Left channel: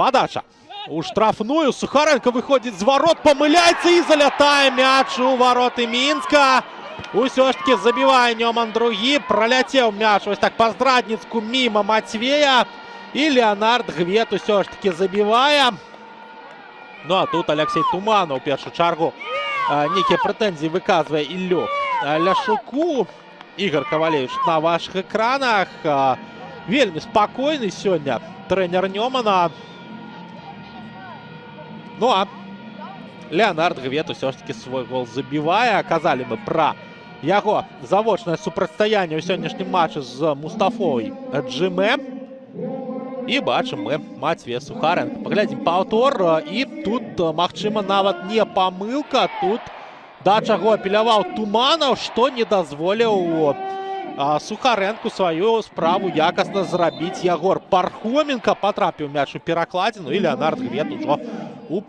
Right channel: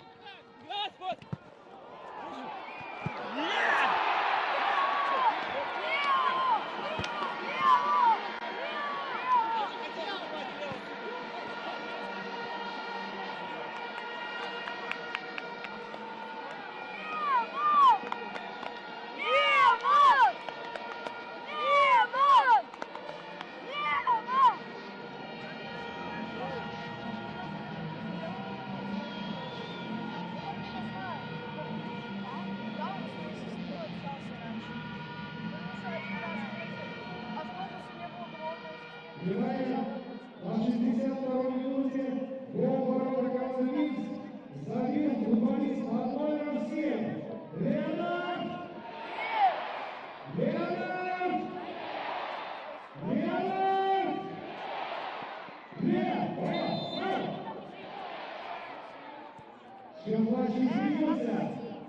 Подача у штрафную. Сухаренко выходит з ворот, помиляється і залятає м'яч у вороти Мінська. Усё ж таки забиває Ньоман другий. Пролетів м'яч ось так по Здрадницьку мимо Матвея. І Леонард Гвет усё ж таки забиває. Ну а тут Олексій Туманов у першу чергу некі претензії виказує Іллю Ляшуку. Ігор Ковалевич на ваших екранах. Вельми спокійний сьогодні тренер Ньомана. Ну а Леонард Гвет усё ж таки свой гол забиває. Казали ми про його заочне супрацьстояння у сьогоднішньому матчі з Мустафою Джиме. І бачимо ми Матвія Сухаренко. Поглядім повтор. І тут, магчыма, нават не помилка. Тут да чаго апеляваў Туманов, што не дазволіў Сухаренку сваю справу якасна зрабіць. Ягор Пархоменко потрапіў мяч у перакладзіну. І Леонард Гвет ужо у